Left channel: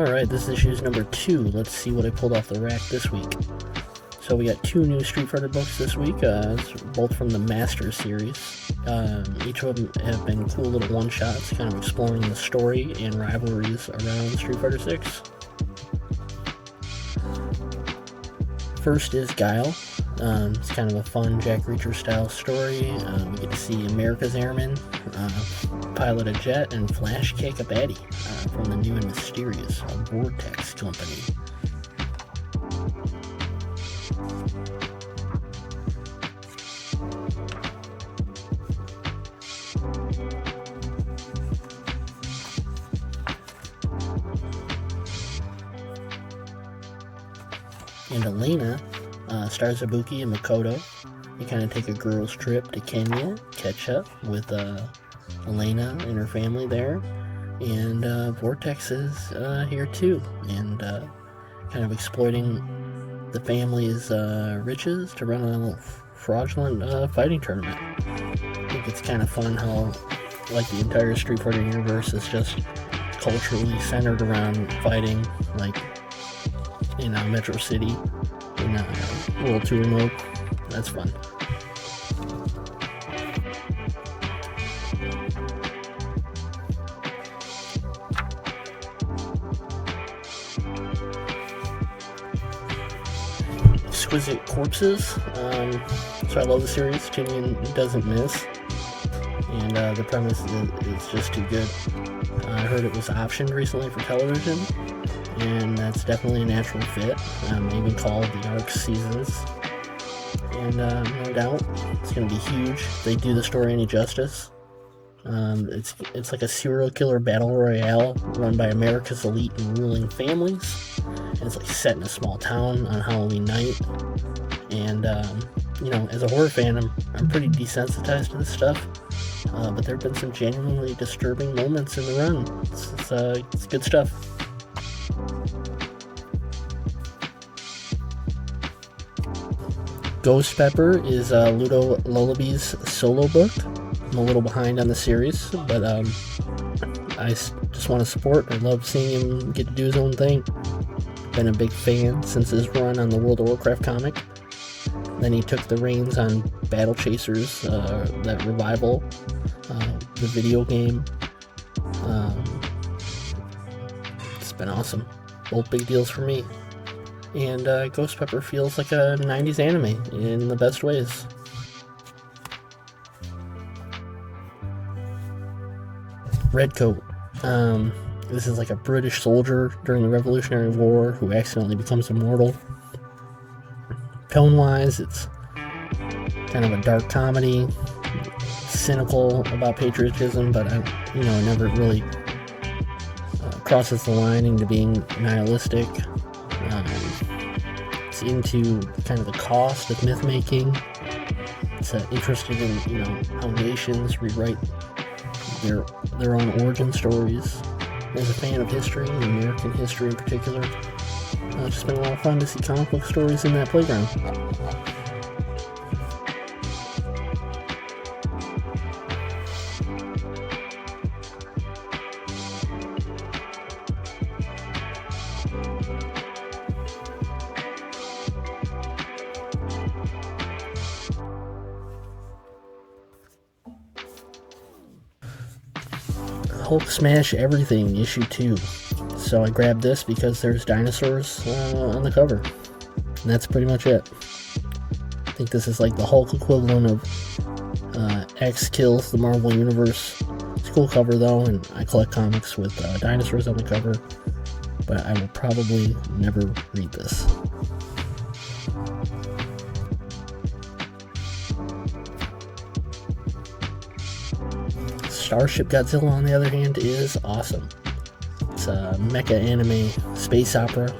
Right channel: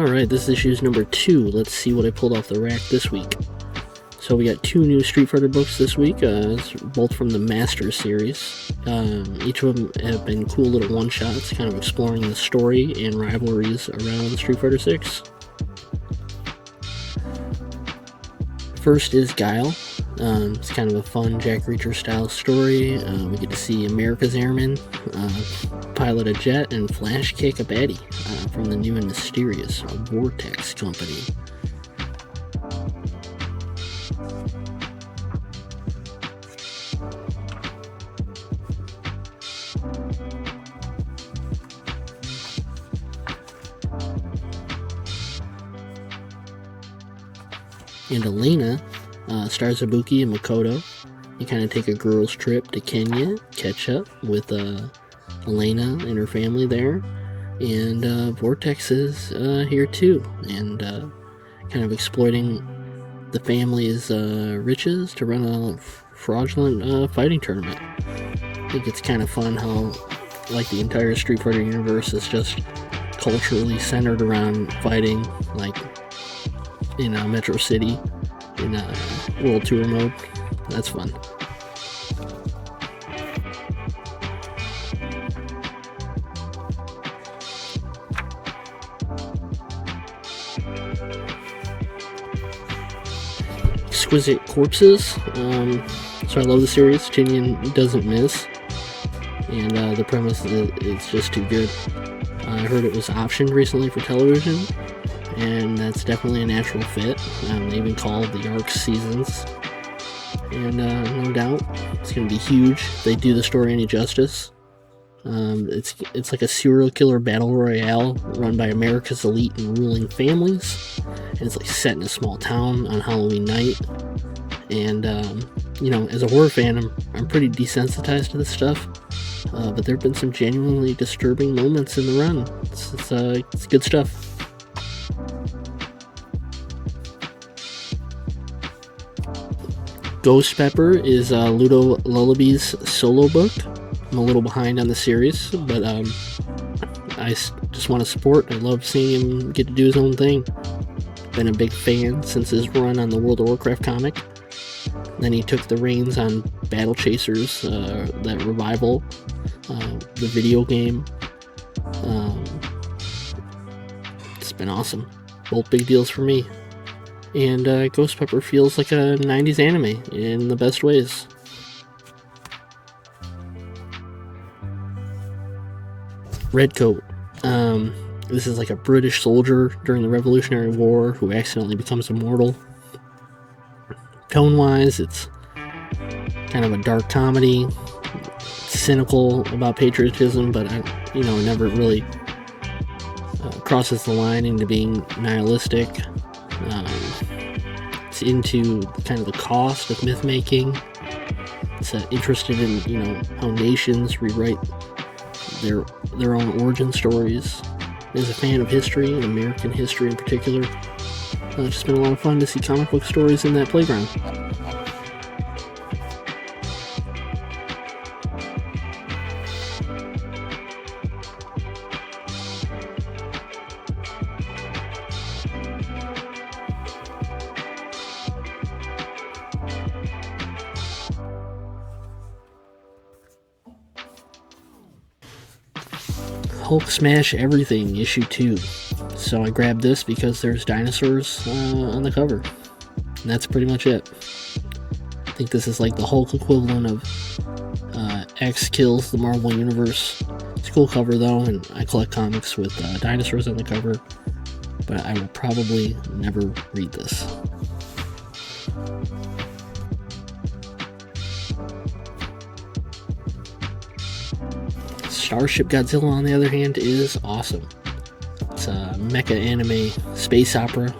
Alright, this issue's number 2. Let's see what I pulled off the rack this week. So we got 2 new Street Fighter books this week, both from the Master series. Each of them have been cool little one-shots, kind of exploring the story and rivalries around Street Fighter 6. First is Guile. It's kind of a fun Jack Reacher style story. We get to see America's Airman pilot a jet and flash kick a baddie from the new and mysterious Vortex Company. And Elena stars Ibuki and Makoto. You kind of take a girl's trip to Kenya, catch up with Elena and her family there, and Vortex is here too, and kind of exploiting the family's riches to run a fraudulent fighting tournament. I think it's kind of fun how, like, the entire Street Fighter universe is just culturally centered around fighting, like, in Metro City in World Tour mode. That's fun. Exquisite Corpses. So I love the series. Tinian doesn't miss, and the premise is just too good. I heard it was optioned recently for television, and that's definitely a natural fit. They even called the arc seasons, and no doubt it's going to be huge if they do the story any justice. It's like a serial killer battle royale run by America's elite and ruling families, and it's like set in a small town on Halloween night. And as a horror fan, I'm pretty desensitized to this stuff, but there have been some genuinely disturbing moments in the run. It's good stuff. Ghost Pepper is Ludo Lullaby's solo book. I'm a little behind on the series, but I just want to support. I love seeing him get to do his own thing. Been a big fan since his run on the World of Warcraft comic. Then he took the reins on Battle Chasers, that revival, the video game. It's been awesome. Both big deals for me. And Ghost Pepper feels like a 90s anime in the best ways. Redcoat. This is like a British soldier during the Revolutionary War who accidentally becomes immortal. Tone-wise, it's kind of a dark comedy, cynical about patriotism, but it never really crosses the line into being nihilistic. It's into kind of the cost of myth making. It's interested in how nations rewrite their own origin stories. As a fan of history, and American history in particular, it's just been a lot of fun to see comic book stories in that playground. Hulk Smash Everything, issue 2. So I grabbed this because there's dinosaurs on the cover. And that's pretty much it. I think this is like the Hulk equivalent of X kills the Marvel Universe. It's a cool cover though, and I collect comics with dinosaurs on the cover. But I will probably never read this. Starship Godzilla, on the other hand, is awesome. It's a mecha anime space opera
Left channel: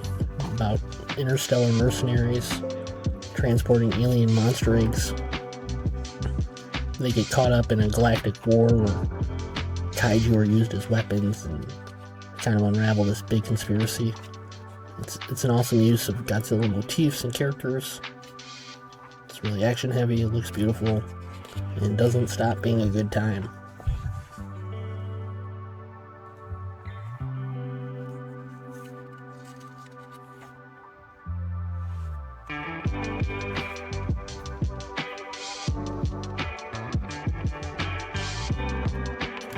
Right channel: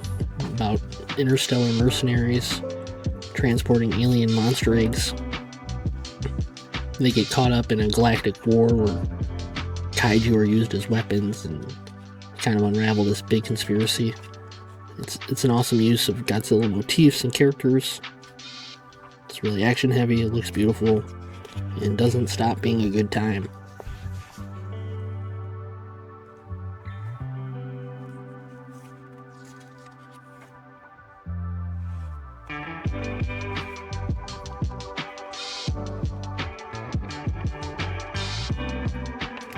about interstellar mercenaries transporting alien monster eggs. They get caught up in a galactic war where kaiju are used as weapons and kind of unravel this big conspiracy. It's an awesome use of Godzilla motifs and characters. It's really action heavy, it looks beautiful, and doesn't stop being a good time.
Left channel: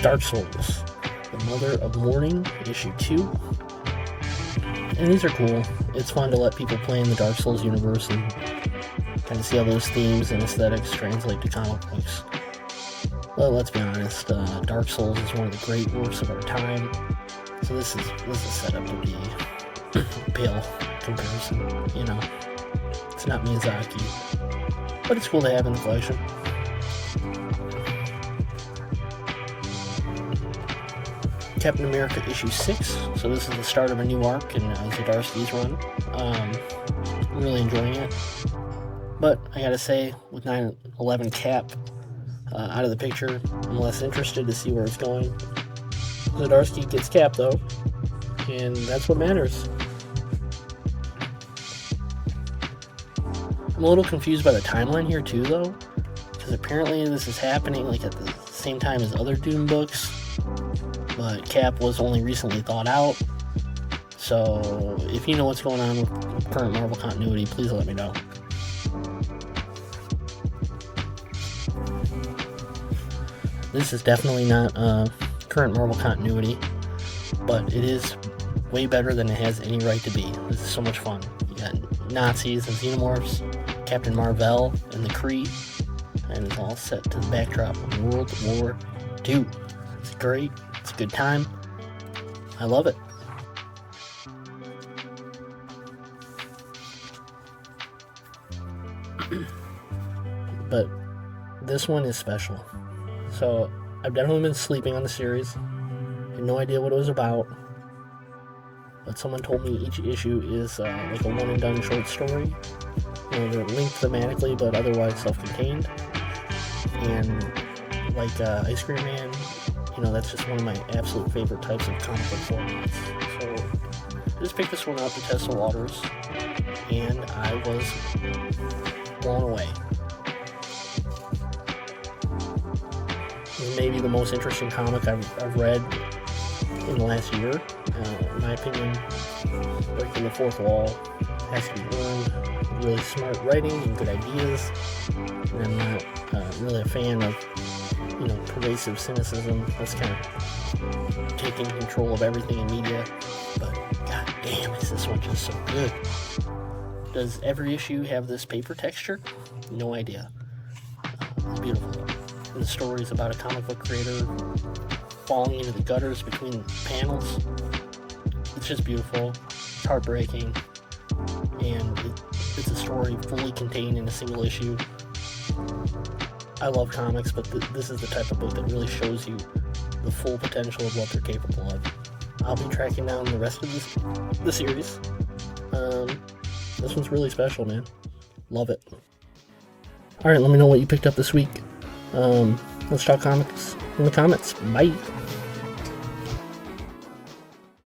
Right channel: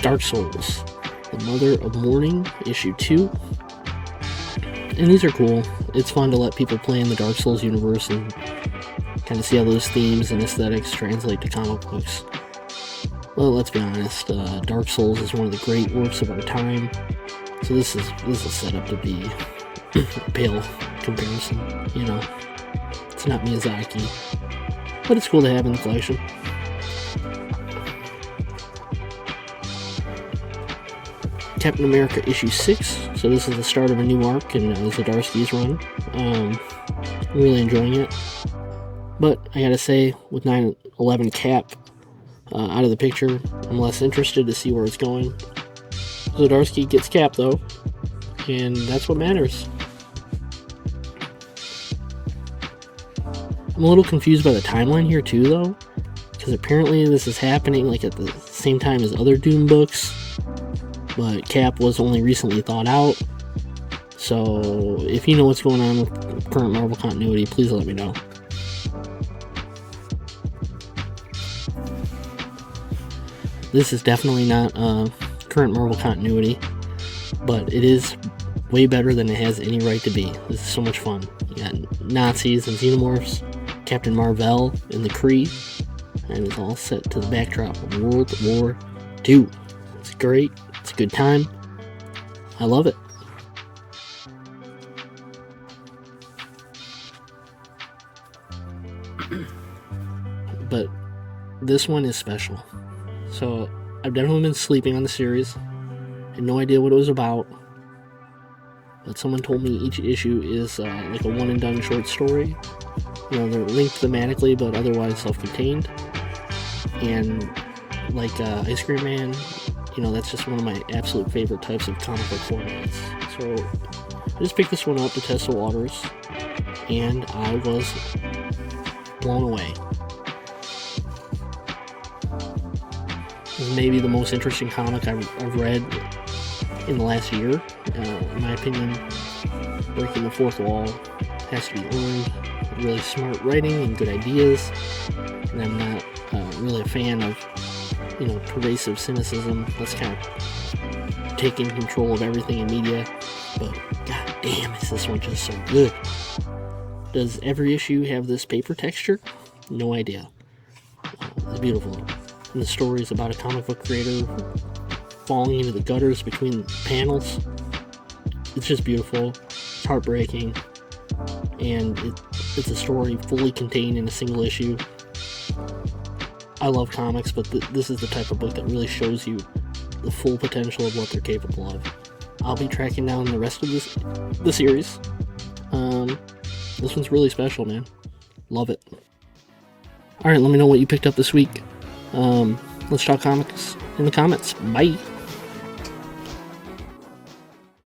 Dark Souls, The Mother of Mourning, issue 2. And these are cool. It's fun to let people play in the Dark Souls universe and kind of see how those themes and aesthetics translate to comic books. Well, let's be honest, Dark Souls is one of the great works of our time, so this is set up to be a pale comparison, you know. It's not Miyazaki, but it's cool to have in the collection. Captain America issue 6, so this is the start of a new arc in Zdarsky's run. Really enjoying it, but I gotta say, with 9/11 Cap out of the picture, I'm less interested to see where it's going. Zdarsky gets Cap though, and that's what matters. I'm a little confused by the timeline here too though, because apparently this is happening like at the same time as other Doom books, but Cap was only recently thawed out. So if you know what's going on with current Marvel continuity, please let me know. This is definitely not current Marvel continuity, but it is way better than it has any right to be. This is so much fun. You got Nazis and Xenomorphs, Captain Marvel and the Kree, and it's all set to the backdrop of World War II. It's great. It's a good time. I love it. But this one is special. So I've definitely been sleeping on the series. Had no idea what it was about. But someone told me each issue is like a one and done short story. You know, they're linked thematically but otherwise self-contained. And like Ice Cream Man, you know, that's just one of my absolute favorite types of comic book formats. So I just picked this one up to test the waters, and I was blown away. Maybe the most interesting comic I've read in the last year. In my opinion, breaking the fourth wall has to be earned. Really smart writing and good ideas. And I'm not really a fan of, you know, pervasive cynicism. That's kind of taking control of everything in media. But god damn, is this one just so good? Does every issue have this paper texture? No idea. It's beautiful. And the story is about a comic book creator falling into the gutters between panels. It's just beautiful. It's heartbreaking. And it's a story fully contained in a single issue. I love comics, but this is the type of book that really shows you the full potential of what they're capable of. I'll be tracking down the rest of the series. This one's really special, man. Love it. Alright, let me know what you picked up this week. Let's talk comics in the comments. Bye.